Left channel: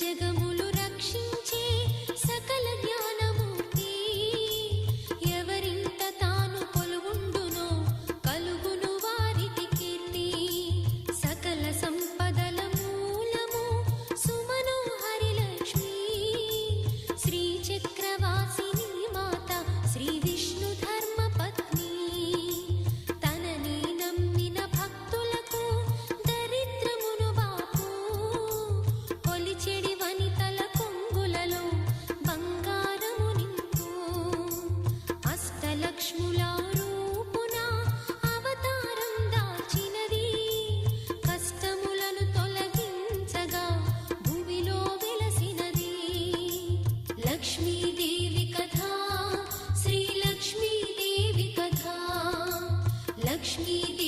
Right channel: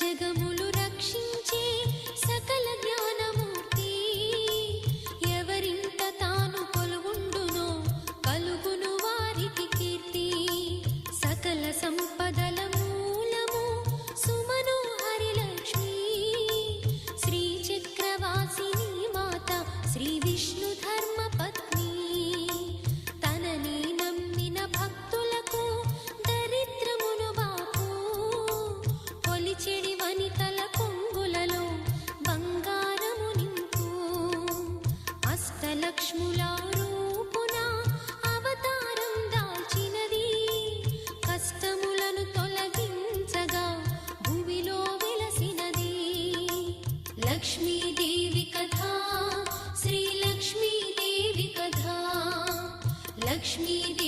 జగములు రక్షించే సకల జ్ఞానమూర్తి ఎవరింట తాను కొలువుండునో కలుగును వారికి కీర్తి సకల సంపదల మూలము సుమనోహరి లక్ష్మి శ్రీ చక్రవాసిని మాత శ్రీ విష్ణు ధర్మ పత్ని తనని నమ్మిన భక్తులకు దరిద్రమును బాపు కొలిచెడి వనితల కొంగులలో బంగారము నింపు అష్టలక్ష్ముల రూపున అవతారం దాల్చినది కష్టములను తొలగించగా భూమిలో వెలసినది లక్ష్మీదేవి కథ శ్రీ లక్ష్మీదేవి కథ లక్ష్మీదేవి